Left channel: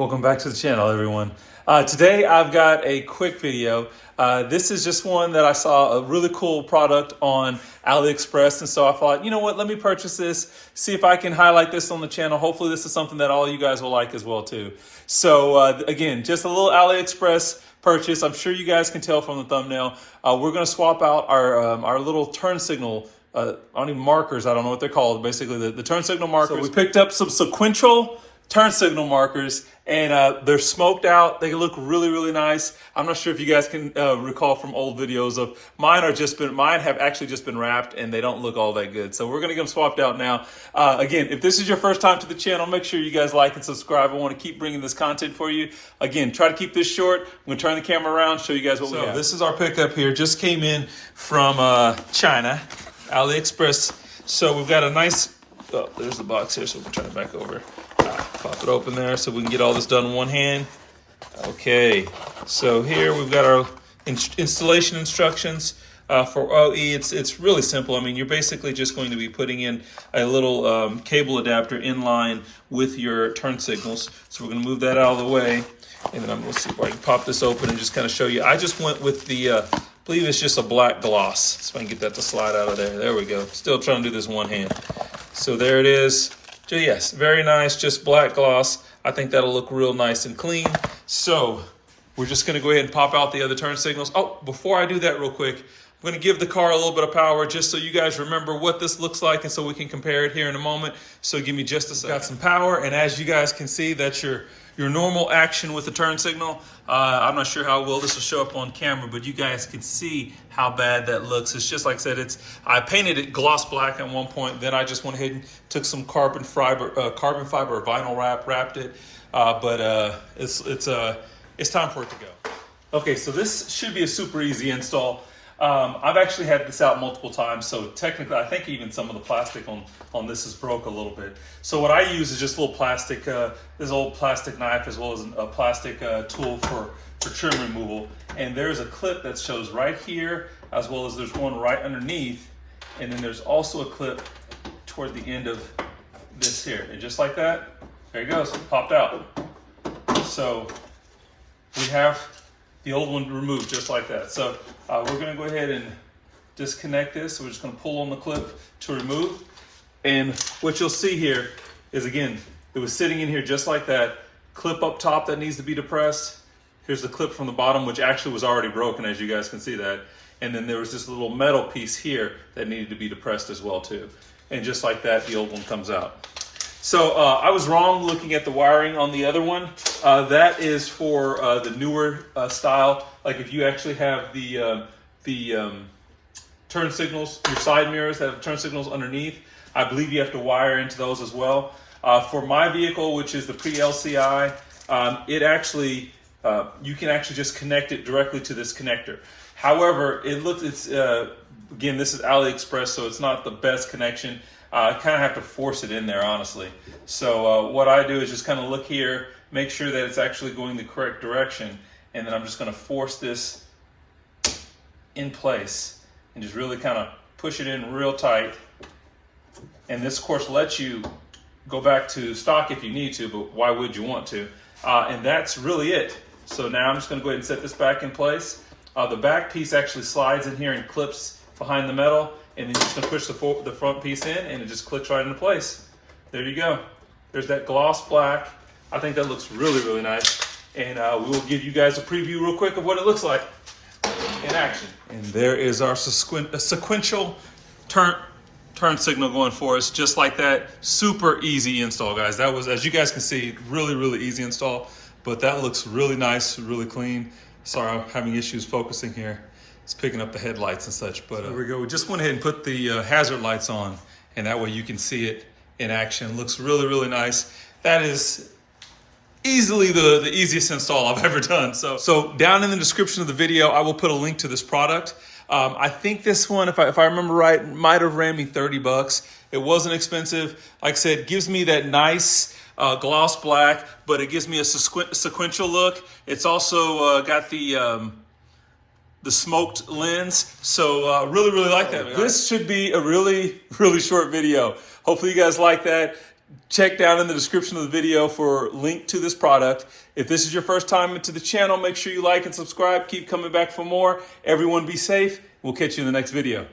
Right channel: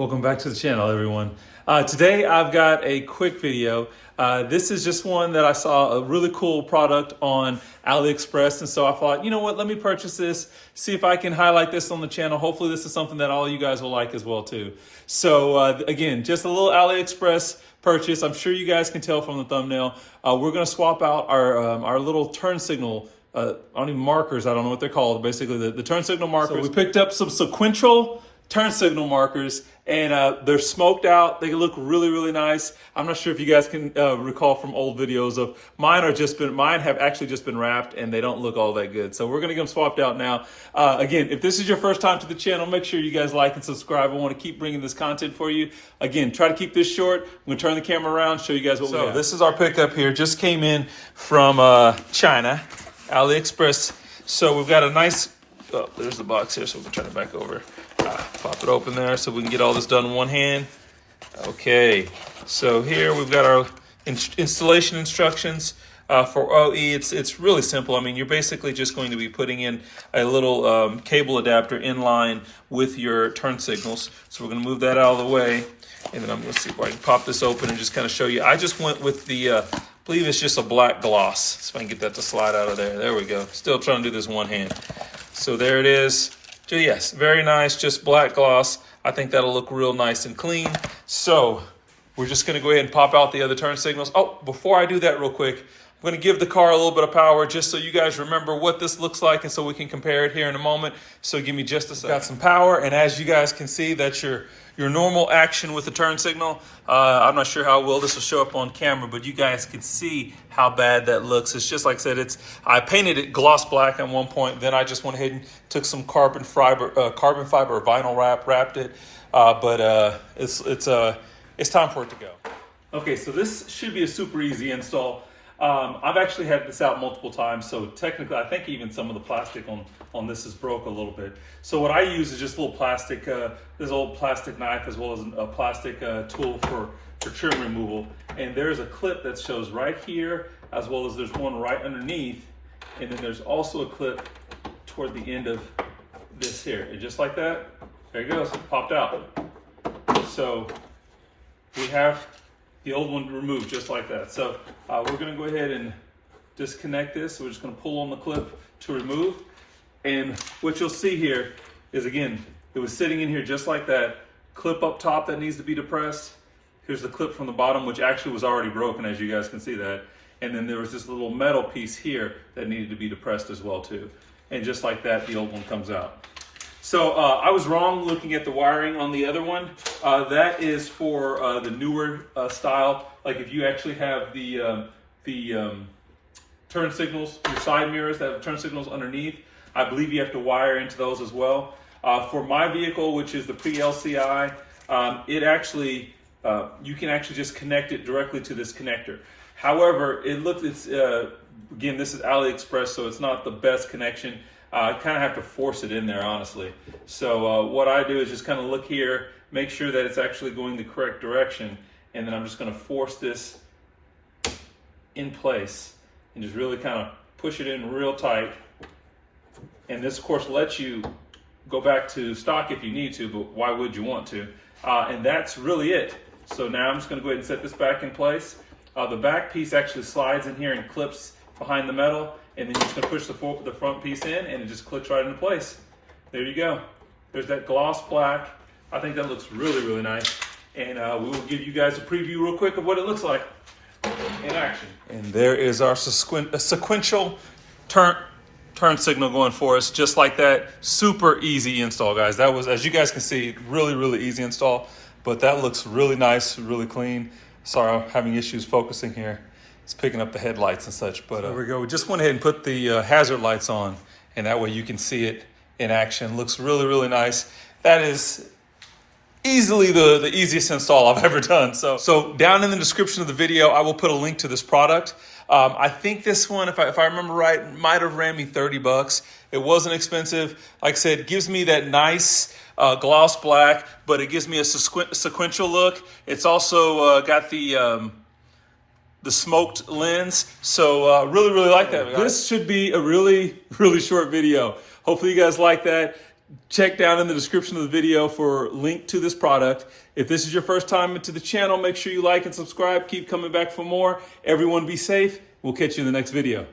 Welcome back to the channel, everyone. Today I've got a quick video. This is just one that I saw a really cool product on Aliexpress, and so I thought, you know what, let me purchase this, see if I can highlight this on the channel. Hopefully this is something that all you guys will like as well too. So again, just a little Aliexpress purchase. I'm sure you guys can tell from the thumbnail. We're gonna swap out our little turn signal markers. I don't know what they're called. Basically the turn signal markers. So we picked up some Sequential turn signal markers, and they're smoked out. They look really, really nice. I'm not sure if you guys can recall from old videos of mine have actually just been wrapped and they don't look all that good. So we're gonna get them swapped out now. Again, if this is your first time to the channel, make sure you guys like and subscribe. I wanna keep bringing this content for you. Again, try to keep this short. I'm gonna turn the camera around, show you guys what we have. So this is our pickup here. Just came in from China, Aliexpress. So we've got a nice, oh, there's the box here, so we can turn it back over. Pop it open there so we can get all this done in one hand. Okay, so here we've got our installation instructions for OE. It's really simple. I mean, you're basically just going to be putting in a little cable adapter in line with your turn signals. So we're going to move that out of the way, and then I'm going to see if I can pop this open and just kind of show you. I just went with the, I believe it's just a black gloss. So I can get that to slide out of there. There we go. Still trying to do this one hand. So there it is. So yes, very nice, just black gloss. I think that'll look real nice and clean. So we're just gonna go ahead and pop out the other turn signals. Oh, before I do that real quick, I'm gonna give the car a little bit of power just so you guys remember what this looks like and so we can compare it here in a moment. So give me just a second. Got some power, and as you guys can see, that's your normal action with the turn signal. I'm not sure how well this will show up on camera, but you guys can see how bad that looks. It's just like I said, I painted it gloss black at one point, then I just went ahead and took some carbon fiber or vinyl wrapped it. But it's time for it to go. Okay, so this should be a super easy install. I've actually had this out multiple times, so technically I think even some of the plastic on this is broke a little bit. So what I use is just a little plastic, this old plastic knife, as well as a plastic tool for trim removal. And there's a clip that shows right here, as well as there's one right underneath. And then there's also a clip toward the end of this here. And just like that, there it goes, it popped out. So we have the old one removed just like that. So we're gonna go ahead and disconnect this. So we're just gonna pull on the clip to remove. And what you'll see here is, again, it was sitting in here just like that. Clip up top that needs to be depressed. Here's the clip from the bottom, which actually was already broken, as you guys can see that. And then there was this little metal piece here that needed to be depressed as well too. And just like that, the old one comes out. So I was wrong looking at the wiring on the other one. That is for the newer style. Like if you actually have the turn signals, your side mirrors that have turn signals underneath, I believe you have to wire into those as well. For my vehicle, which is the pre-LCI, it actually, you can actually just connect it directly to this connector. However, again, this is Aliexpress, so it's not the best connection. I kind of have to force it in there, honestly. So what I do is just kind of look here, make sure that it's actually going the correct direction, and then I'm just going to force this in place and just really kind of push it in real tight. And this, of course, lets you go back to stock if you need to, but why would you want to? And that's really it. So now I'm just going to go ahead and set this back in place. The back piece actually slides in here and clips behind the metal. And then you're just gonna push the front piece in, and it just clicks right into place. There you go. There's that gloss black. I think that looks really, really nice. And we will give you guys a preview real quick of what it looks like in action. And there is our sequential turn signal going for us, just like that. Super easy install, guys. That was, as you guys can see, really, really easy install. But that looks really nice, really clean. Sorry, I'm having issues focusing here. It's picking up the headlights and such, but there we go. We just went ahead and put the hazard lights on, and that way you can see it in action. Looks really, really nice. That is easily the easiest install I've ever done. So down in the description of the video, I will put a link to this product. I think this one, if I remember right, might have ran me 30 bucks. It wasn't expensive. Like I said, it gives me that nice gloss black, but it gives me a sequential look. It's also got the smoked lens. So really, really like that. This should be a really, really short video. Hopefully you guys like that. check down in the description of the video for a link to this product. If this is your first time into the channel, make sure you like and subscribe. Keep coming back for more. Everyone be safe. We'll catch you in the next video.